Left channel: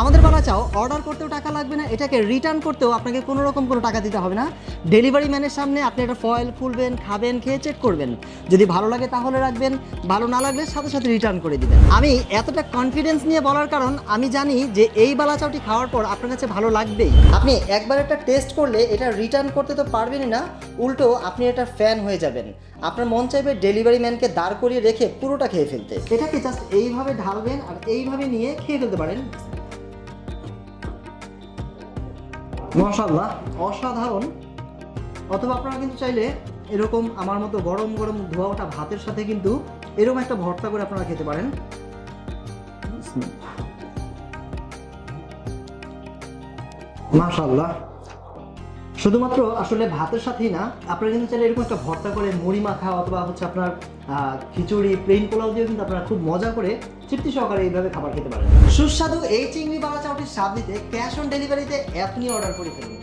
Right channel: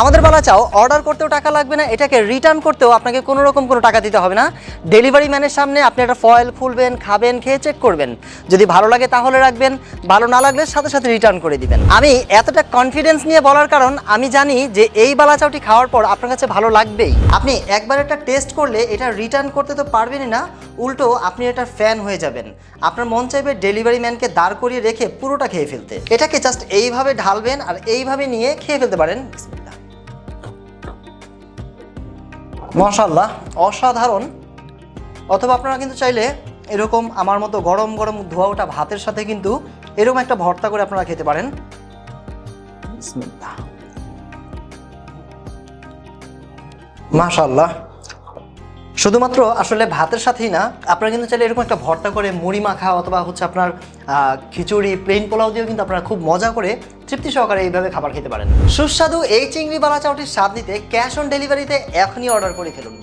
আমাদের বলা চাও অর্ডার করতেও টাকা লাগবে না, এটাকে রিটার্ন করতেও আপনাকে কোনো রকম কোনো টাকা দিতে হবে না। ডেলিভারি ম্যানের সামনে আপনি একটা ফয়েল খুলবেন, খাবেন, খেয়ে চেক করবেন। যদি ভালো লাগে তাহলে রাখবেন, ভালো না লাগলে সাথে সাথে রিটার্ন করে দিবেন। আমি এতটা কনফিডেন্স নিয়ে বলার কারণ, আমি জানি যে এই বালা চাউটি খাওয়ার পর আপনার কাছে ভালো লাগবেই। আপনি একবার একটা টেস্ট করলে এটা রিটার্ন করতে তো পারবেনই না, উল্টো আপনি এটার ফ্যান হয়ে যাবেন। আপনার মন চাইবে ডেলিভারি ম্যানকে দাঁড় করিয়ে রেখে পুরোটা খেয়ে ফেলতে। এটাকে জাস্ট এইভাবে ঢালবেন আর এইভাবে নিয়ে খেয়ে ফেলতে পারেন। মশাল্লাহ অসাধারণ। অথবা আপনারা কিন্তু চাইলে এরকম আমার মতো গরম গরম ধোয়া ওঠা ভাতের সাথে কিন্তু এরকম একটা ভর্তা করে আপনারা খেতে পারেন। মাশাল্লাহ শুধুমাত্র আসলে ভাতের সাথেই না আপনারা কিন্তু চাইলে এরকম একটা ভর্তা করে মুড়ি মাখা অথবা হচ্ছে আপনার খিচুড়ি প্লেন পোলাও দিয়েও কিন্তু আপনারা খুব মজা করে তৃপ্তি সহকারে এইভাবে খাবার খেতে পারেন। সুস্বাদু এই চিংড়ি বালা চাউটির স্বাদ নিতে ক্যাশ অন ডেলিভারিতে এখনই অর্ডার করে ফেলুন।